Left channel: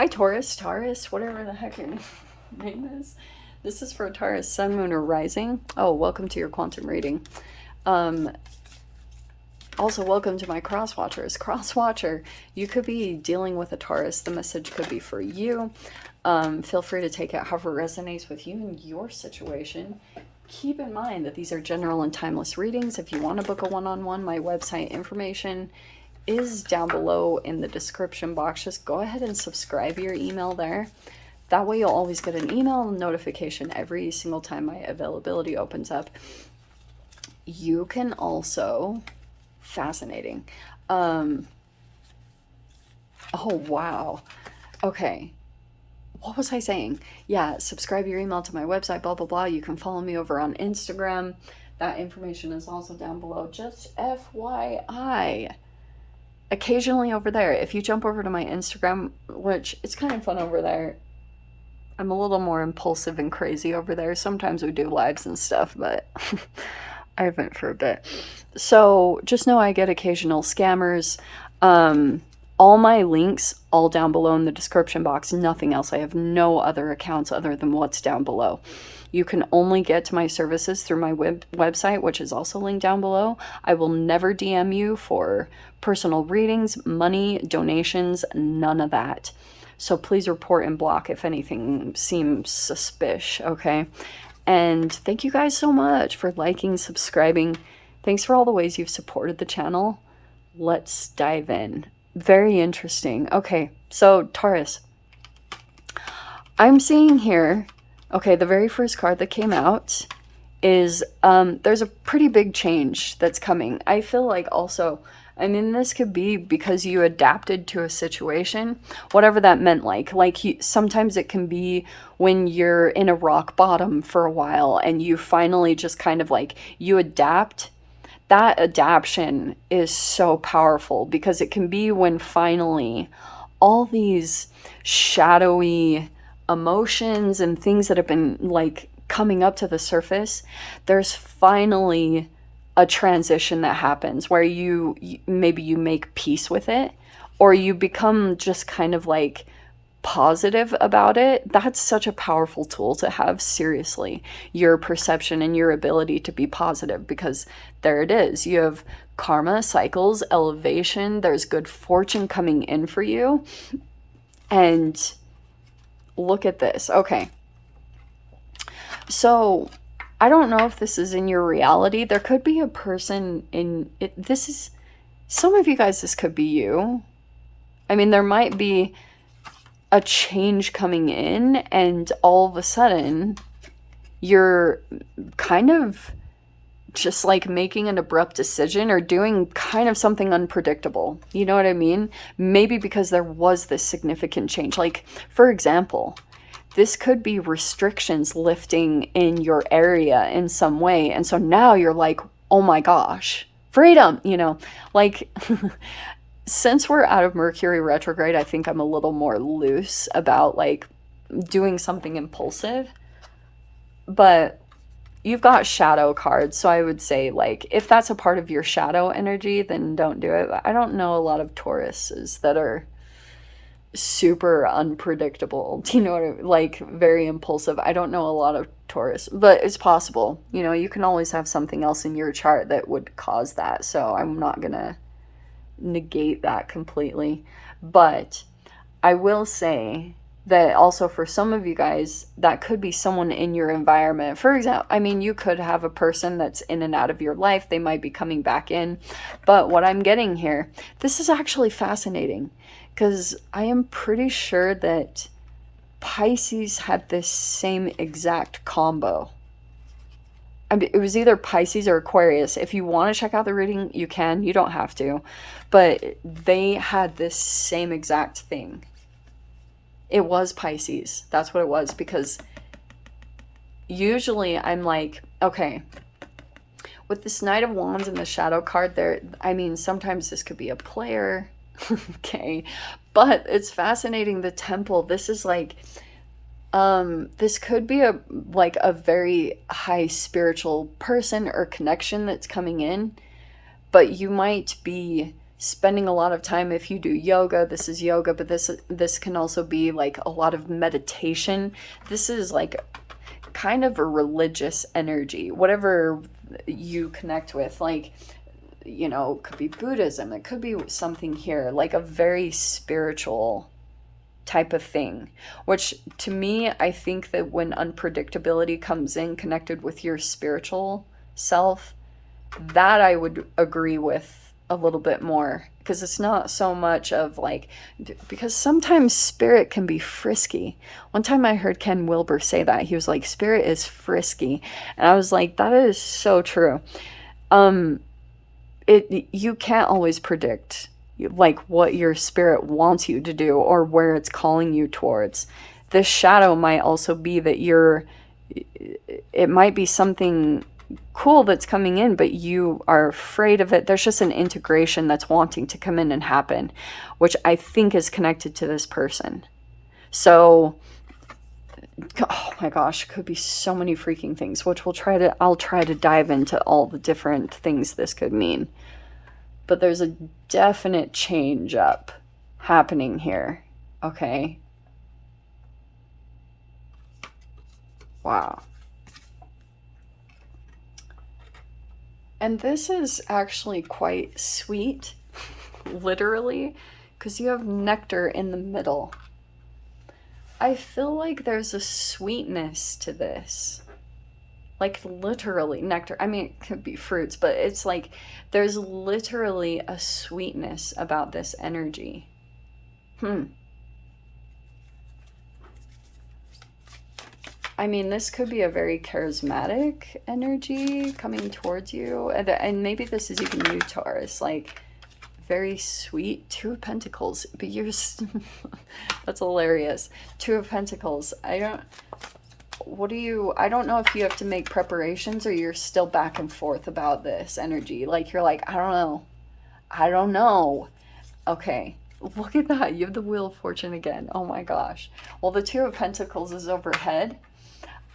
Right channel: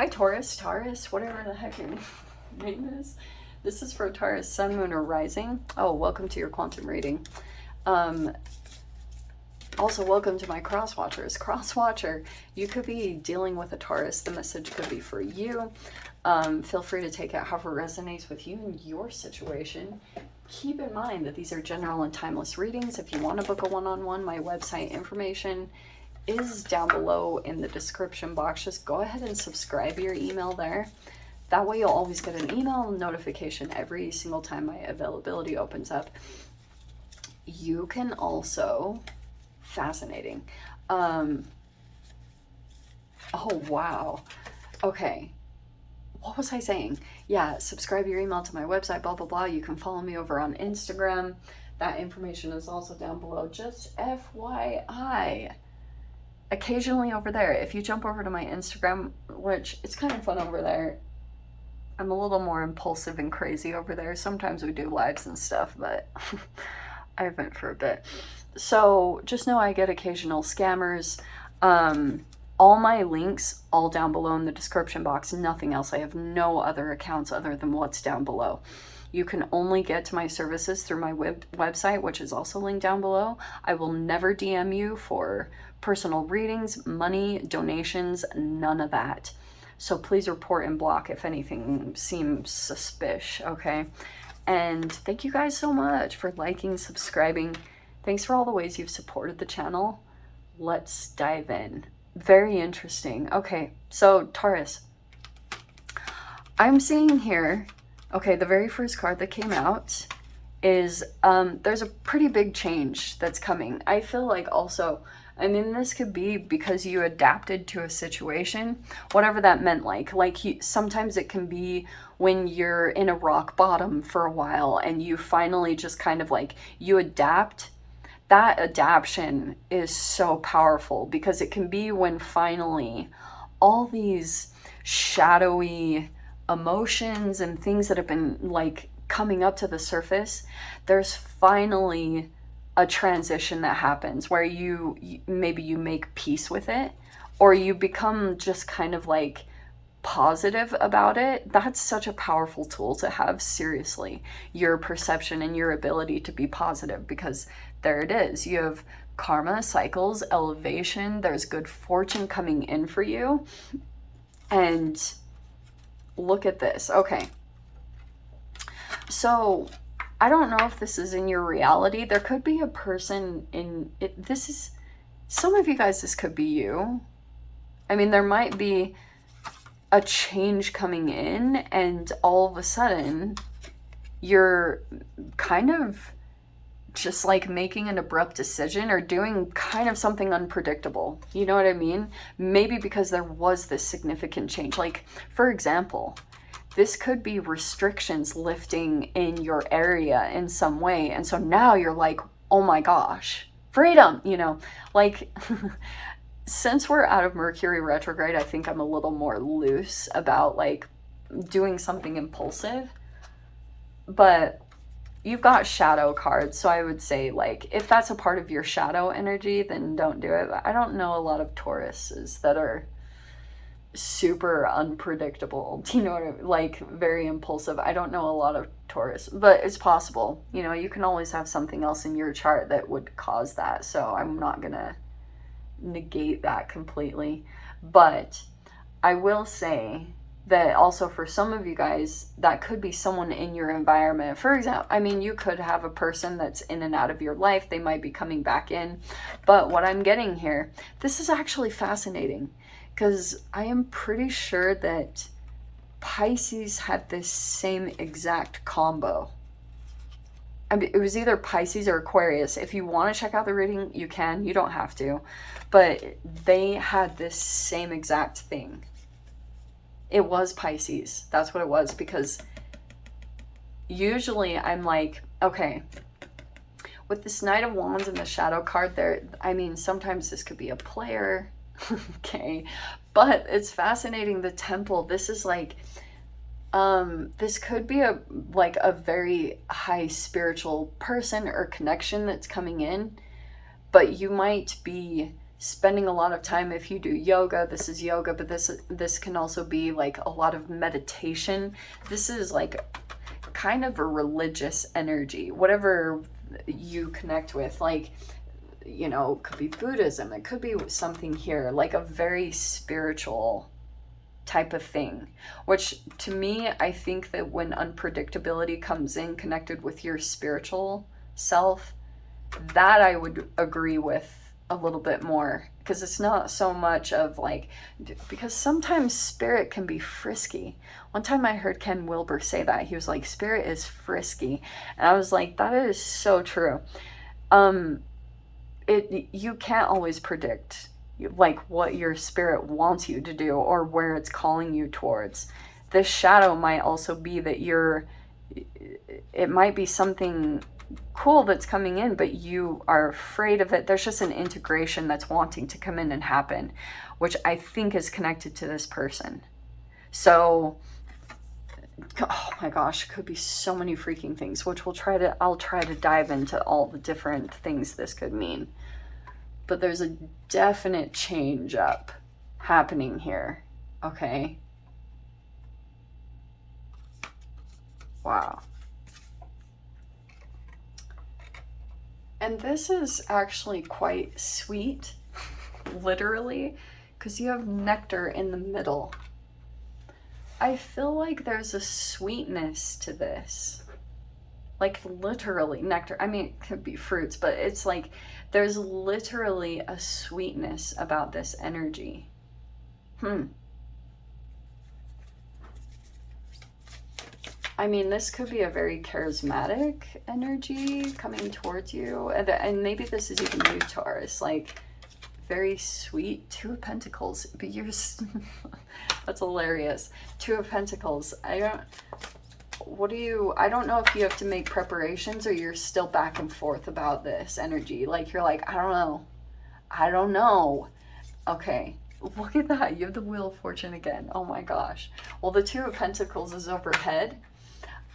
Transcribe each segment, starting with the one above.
Hi Taurus, whatever the heck your name is. This is for Taurus, Sun, Moon, or Rising. Oh, welcome to your quantum reading. Um, Also, welcome to my cross watchers. Cross watcher, you could be dealing with a Taurus. The message could be for you. Feel free to take it however resonates with you and your situation. Keep in mind that these are general and timeless readings. If you want to book a one-on-one, my website information is down below in the description box. Just go ahead and subscribe your email there. That way you'll always get an email notification every single time my availability opens up. You can also, fascinating. Oh, wow. Okay. What was I saying? Yeah, subscribe your email to my website, blah, blah, blah. You can follow me over on Instagram. That information is also down below. Just FYI. Occasionally over there, if you jump over to my Instagram, which it's kind of fun over there, I'm a little more impulsive and crazy over there. Sometimes we do lives and stuff, but I haven't for a bit. So just know I get occasional scammers. All my links, all down below in the description box, nothing else. I have no other accounts other than what's down below. You can only get to my services through my website, which is also linked down below. I will never DM you for personal readings, money, donations, none of that. So please report and block if anything seems suspicious, okay? And thank you guys so much for liking, subscribing. Thanks for all the ways you've supported the channel. Let's dive in. Very interesting. Okay, so Taurus. I'm seeing here, okay, the very first card that came out is there's a pretty big change that's coming. I feel like also, I mean, this could be because you adapted to a situation, whatever that meant. Sometimes it can be when you're in a rock bottom for a while and you finally just kind of like, you adapt. That adaptation is so powerful because it can be when finally all these shadowy emotions and things that have been like coming up to the surface, there's finally a transition that happens where you maybe you make peace with it, or you become just kind of like positive about it. That's such a powerful tool to have. Seriously, your perception and your ability to be positive, because there it is. You have karma, cycles, elevation, there's good fortune coming in for you. And look at this. Okay, so I don't know if this is in your reality. There could be a person in it. This is, some of you guys, this could be you. I mean, there might be a change coming in, and all of a sudden you're kind of just like making an abrupt decision or doing kind of something unpredictable. You know what I mean? Maybe because there was this significant change. Like, for example, this could be restrictions lifting in your area in some way. And so now you're like, oh my gosh, freedom, you know, like since we're out of Mercury retrograde, I think I'm a little more loose about like doing something impulsive. But you've got shadow cards, so I would say like if that's a part of your shadow energy, then don't do it. I don't know a lot of Tauruses that are super unpredictable. Do you know what I mean? Like very impulsive. I don't know a lot of Taurus, but it's possible. You know, you can always have something else in your chart that would cause that. So I'm not gonna negate that completely. But I will say that also for some of you guys, that could be someone in your environment. For example, I mean, you could have a person that's in and out of your life. They might be coming back in. But what I'm getting here, this is actually fascinating because I am pretty sure that Pisces had this same exact combo. I mean, it was either Pisces or Aquarius. If you want to check out the reading, you can. You don't have to. But they had this same exact thing. It was Pisces. That's what it was. Because usually I'm like, okay, with this Knight of Wands and the Shadow card there, I mean, sometimes this could be a player. Okay. But it's fascinating. The Temple, this is like, this could be a very high spiritual person or connection that's coming in, but you might be spending a lot of time. If you do yoga, this is yoga, but this can also be like a lot of meditation. This is like kind of a religious energy, whatever you connect with. Like, you know, it could be Buddhism, it could be something here, like a very spiritual type of thing. Which to me, I think that when unpredictability comes in connected with your spiritual self, that I would agree with a little bit more, because it's not so much of like, because sometimes spirit can be frisky. One time I heard Ken Wilber say that. He was like, spirit is frisky. And I was like, that is so true. You can't always predict like what your spirit wants you to do or where it's calling you towards. This shadow might also be that it might be something cool that's coming in, but you are afraid of it. There's just an integration that's wanting to come in and happen, which I think is connected to this person. So, oh my gosh, could be so many freaking things, which I'll try to dive into all the different things this could mean. But there's a definite change up happening here. Okay. Wow. And this is actually quite sweet, literally, because you have nectar in the middle. I feel like there's a sweetness to this. Like literally nectar. I mean, it could be fruits, but it's like there's literally a sweetness about this energy. I mean, this could be a very charismatic energy coming towards you. And maybe this is even you, Taurus. Like, very sweet. Two of Pentacles. But you're... That's hilarious. Two of Pentacles. I don't know if you have to make preparations or you're still back and forth about this energy. Like, you're like, I don't know. Okay. Look at that. You have the Wheel of Fortune again. Oh my gosh. Well, the Two of Pentacles is overhead.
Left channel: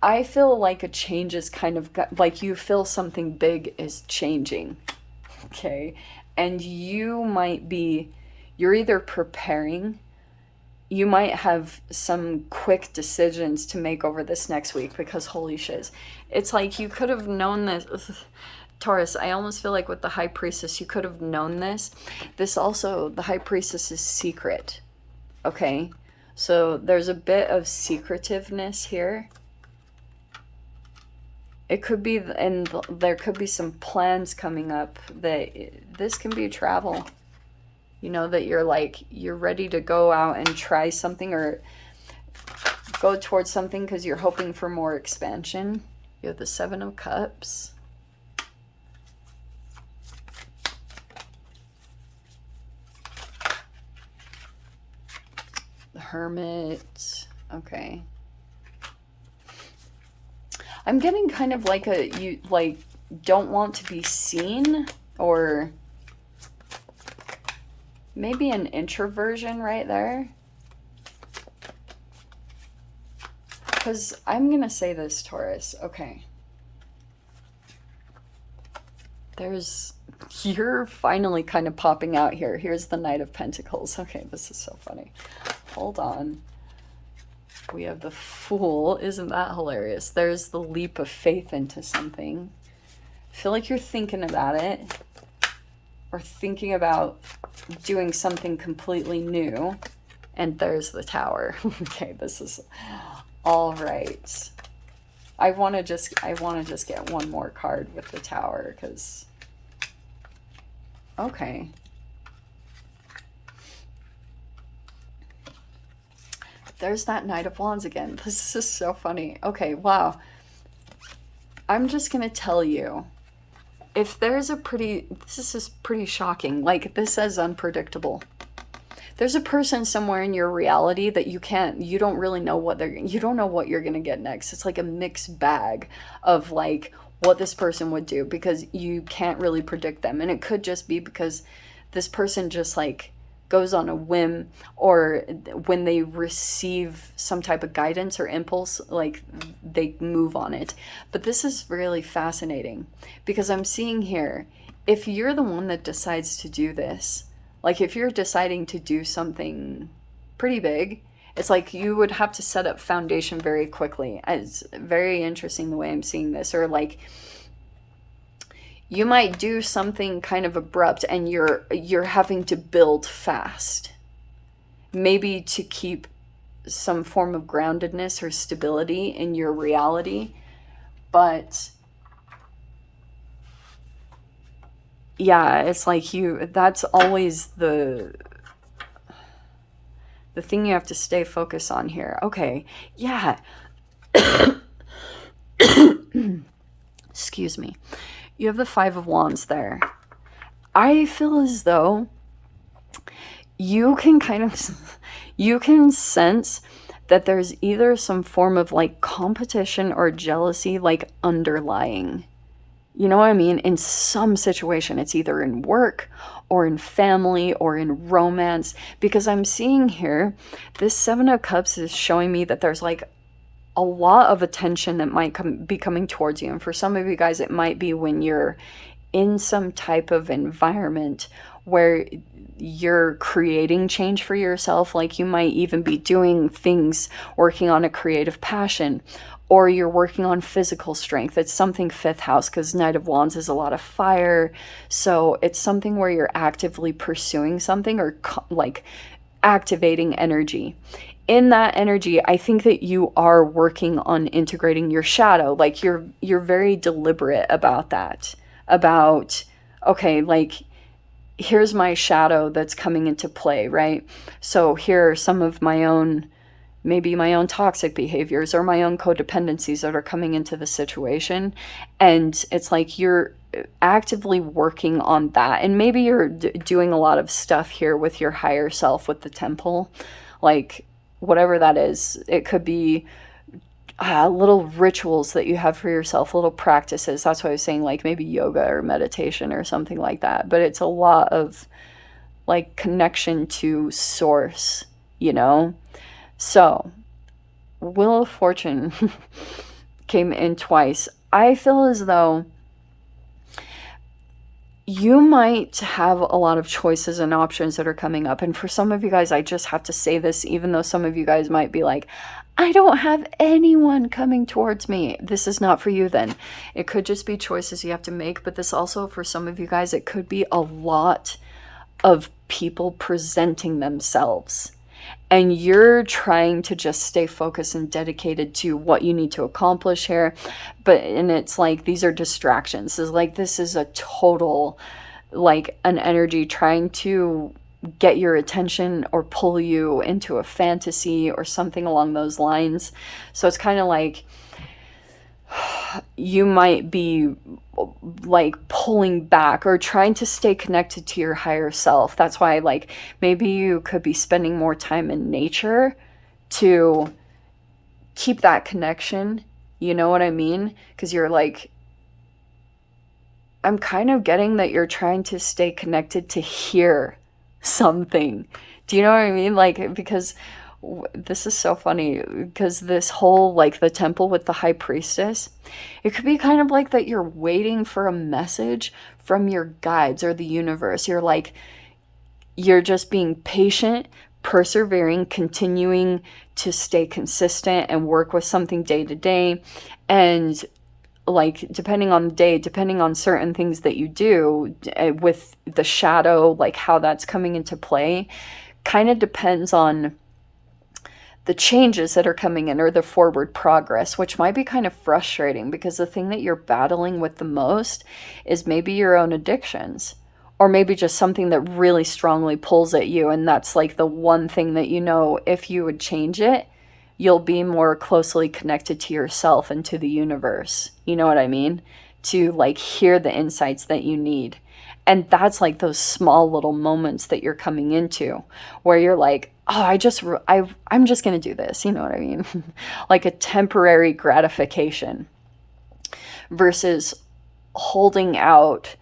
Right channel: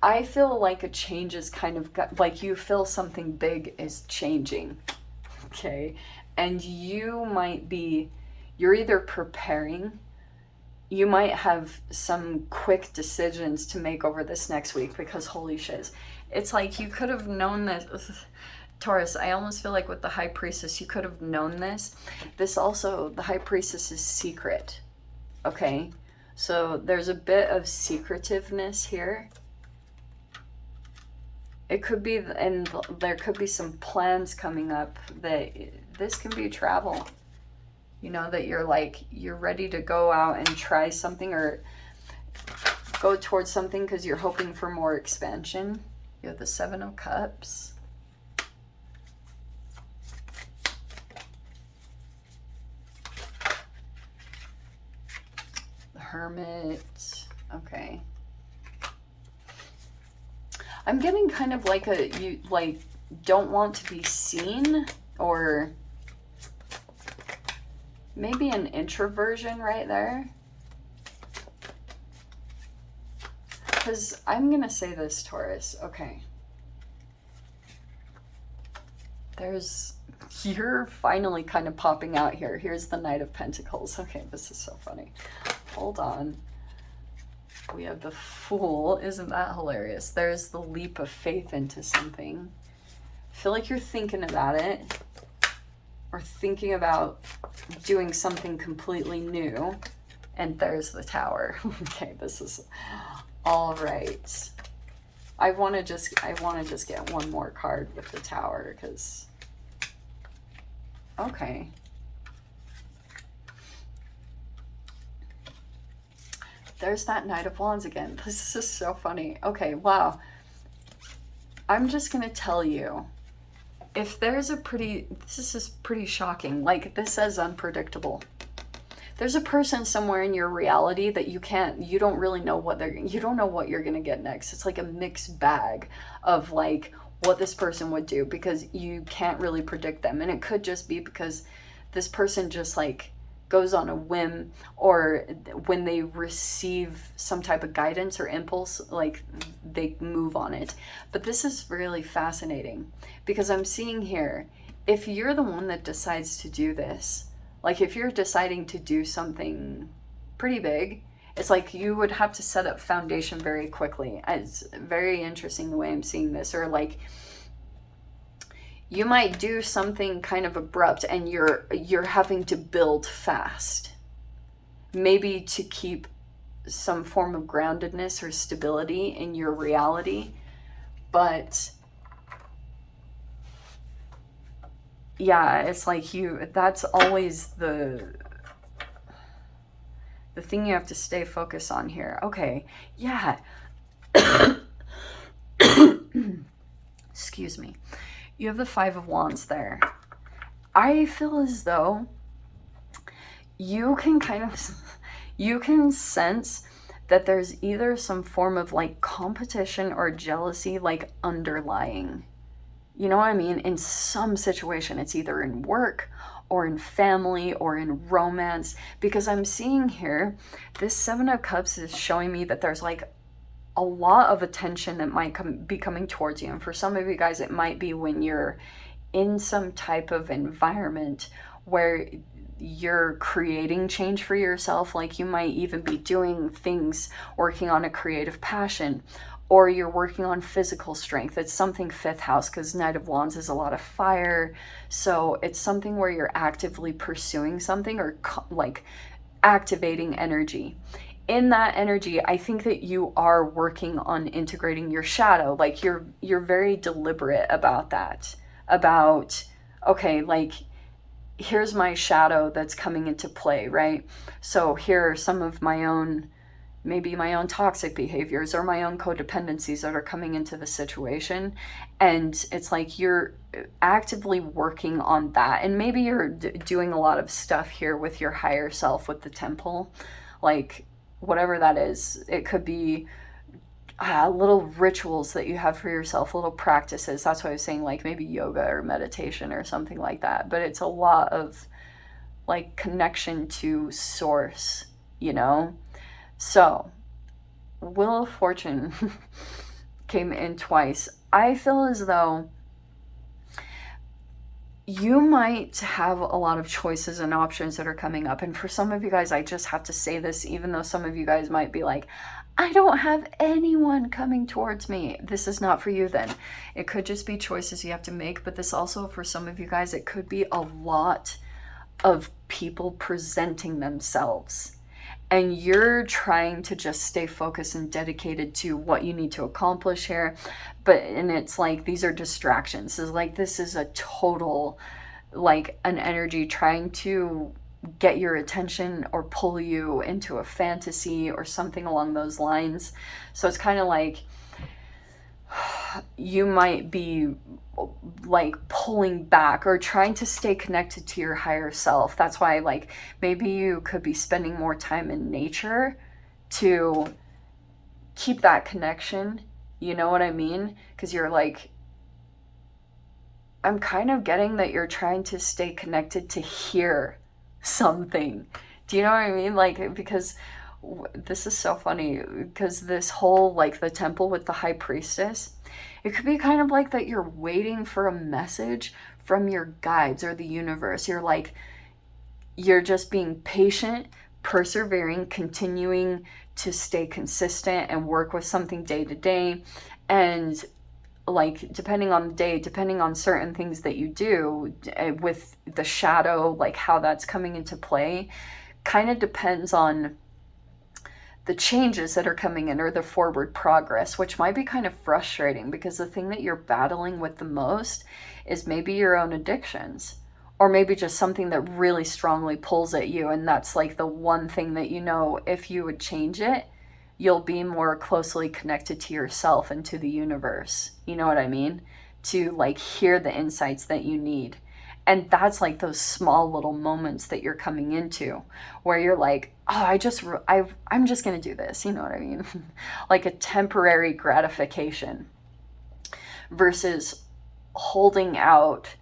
I feel like a change is kind of like you feel something big is changing. Okay. And you're either preparing, you might have some quick decisions to make over this next week, because holy shiz. It's like you could have known this. Taurus, I almost feel like with the High Priestess, you could have known this. This also, the High Priestess is secret. Okay. So there's a bit of secretiveness here. It could be, and there could be some plans coming up that this can be travel. You know, that you're ready to go out and try something or go towards something because you're hoping for more expansion. You have the Seven of Cups. The Hermit. Okay. I'm getting kind of like you don't want to be seen, or maybe an introversion right there. Because I'm going to say this, Taurus. Okay. You're finally kind of popping out here. Here's the Knight of Pentacles. Okay, this is so funny. Hold on. We have the Fool. Isn't that hilarious? There's the leap of faith into something. I feel like you're thinking about it, or thinking about doing something completely new. And there's the Tower. Okay, this is all right. I want to just get one more card with the Tower, because okay. There's that Knight of Wands again. This is so funny. Okay, wow. I'm just gonna tell you, if there's this is pretty shocking. Like, this says unpredictable. There's a person somewhere in your reality that you don't really know you don't know what you're gonna get next. It's like a mixed bag of like what this person would do, because you can't really predict them. And it could just be because this person just like goes on a whim, or when they receive some type of guidance or impulse, like they move on it. But this is really fascinating, because I'm seeing here, if you're the one that decides to do this, Like if you're deciding to do something pretty big, it's like you would have to set up foundation very quickly. It's very interesting the way I'm seeing this. Or like you might do something kind of abrupt and you're having to build fast. Maybe to keep some form of groundedness or stability in your reality. But yeah, it's like that's always the thing you have to stay focused on here. Okay. Yeah. Excuse me. You have the Five of Wands there. I feel as though you can kind of you can sense that there's either some form of like competition or jealousy like underlying. You know what I mean? In some situation, it's either in work or in family or in romance. Because I'm seeing here, this Seven of Cups is showing me that there's like a lot of attention that might be coming towards you. And for some of you guys, it might be when you're in some type of environment where you're creating change for yourself. Like you might even be doing things, working on a creative passion, or you're working on physical strength. It's something fifth house because Knight of Wands is a lot of fire. So it's something where you're actively pursuing something or like activating energy. In that energy, I think that you are working on integrating your shadow. Like you're very deliberate about that. About, okay, like here's my shadow that's coming into play, right? So here are some of my own, maybe my own toxic behaviors or my own codependencies that are coming into the situation. And it's like you're actively working on that. And maybe you're doing a lot of stuff here with your higher self with the temple, like whatever that is. It could be little rituals that you have for yourself, little practices. That's what I was saying, like maybe yoga or meditation or something like that. But it's a lot of like connection to source, you know? So, Wheel of Fortune came in twice. I feel as though you might have a lot of choices and options that are coming up. And for some of you guys, I just have to say this, even though some of you guys might be like, I don't have anyone coming towards me. This is not for you then. It could just be choices you have to make. But this also, for some of you guys, it could be a lot of people presenting themselves. And you're trying to just stay focused and dedicated to what you need to accomplish here. And it's like, these are distractions. It's like, this is a total, like an energy trying to get your attention or pull you into a fantasy or something along those lines. So it's kind of like, you might be like pulling back or trying to stay connected to your higher self. That's why like maybe you could be spending more time in nature to keep that connection. You know what I mean? Because you're like, I'm kind of getting that you're trying to stay connected to hear something. Do you know what I mean? Like, because this is so funny because this whole like the temple with the high priestess, it could be kind of like that you're waiting for a message from your guides or the universe. You're like, you're just being patient, persevering, continuing to stay consistent and work with something day to day. And like depending on the day, depending on certain things that you do with the shadow, like how that's coming into play, kind of depends on the changes that are coming in or the forward progress, which might be kind of frustrating because the thing that you're battling with the most is maybe your own addictions or maybe just something that really strongly pulls at you. And that's like the one thing that, you know, if you would change it, you'll be more closely connected to yourself and to the universe. You know what I mean? To like hear the insights that you need. And that's like those small little moments that you're coming into where you're like, oh, I'm just going to do this. You know what I mean? Like a temporary gratification versus holding out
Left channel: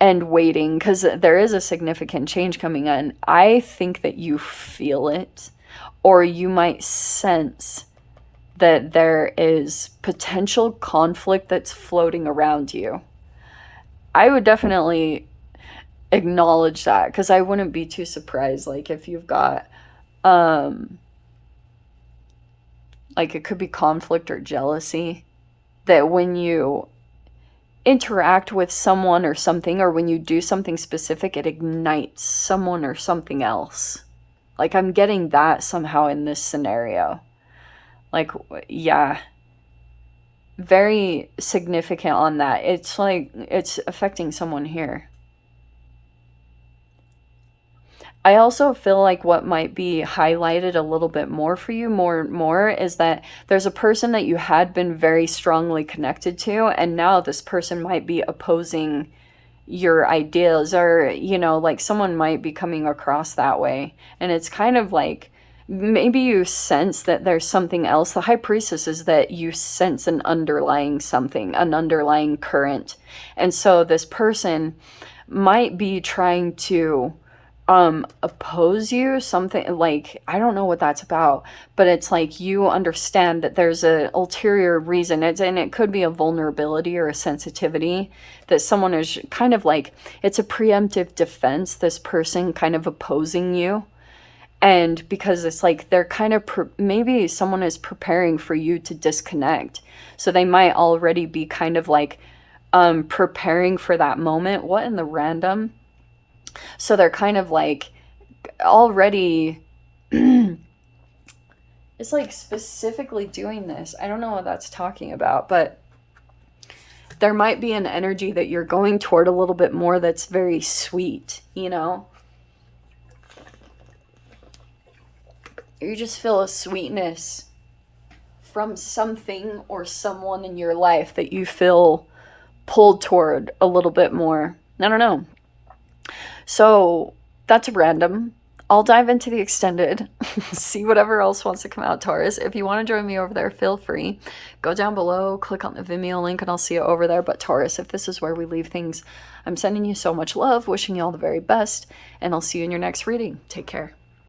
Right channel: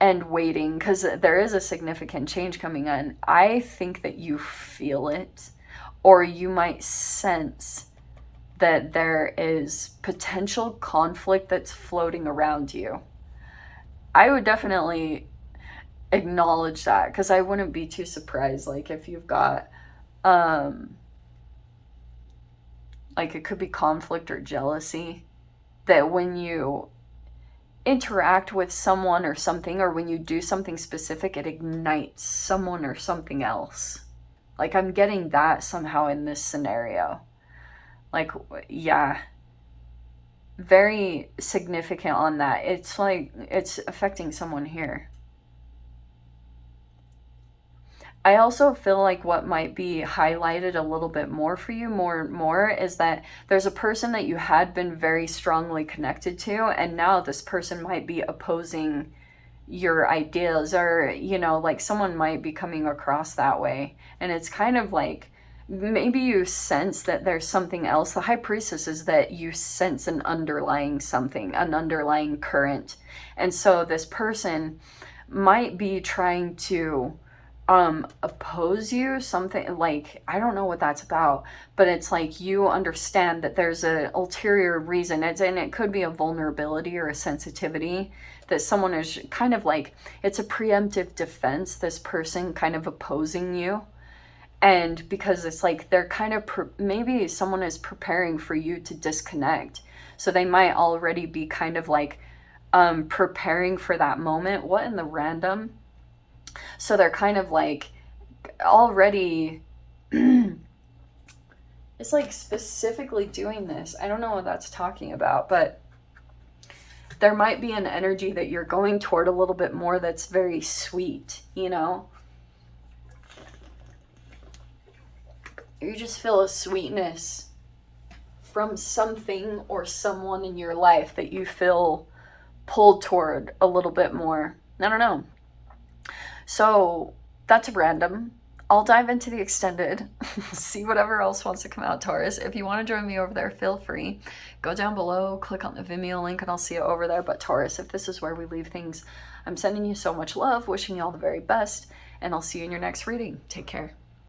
and waiting, because there is a significant change coming in. I think that you feel it, or you might sense that there is potential conflict that's floating around you. I would definitely acknowledge that, because I wouldn't be too surprised, like if you've got um like it could be conflict or jealousy, that when you interact with someone or something, or when you do something specific, it ignites someone or something else. Like I'm getting that somehow in this scenario. Like, yeah, very significant on that. It's like it's affecting someone here. I also feel like what might be highlighted a little bit more for you, more and more, is that there's a person that you had been very strongly connected to, and now this person might be opposing your ideas, or, like someone might be coming across that way. And it's kind of like maybe you sense that there's something else. The high priestess is that you sense an underlying something, an underlying current. And so this person might be trying to oppose you, something like, I don't know what that's about, but it's like you understand that there's a ulterior reason. And it could be a vulnerability or a sensitivity that someone is kind of like, it's a preemptive defense, this person kind of opposing you. And because it's like they're kind of maybe someone is preparing for you to disconnect, so they might already be kind of like preparing for that moment. What in the random? So they're kind of like already it's like specifically doing this. I don't know what that's talking about, but there might be an energy that you're going toward a little bit more that's very sweet, You just feel a sweetness from something or someone in your life that you feel pulled toward a little bit more. I don't know. So that's random. I'll dive into the extended, see whatever else wants to come out, Taurus. If you want to join me over there, feel free. Go down below, click on the Vimeo link, and I'll see you over there. But Taurus, if this is where we leave things, I'm sending you so much love, wishing you all the very best, and I'll see you in your next reading. Take care.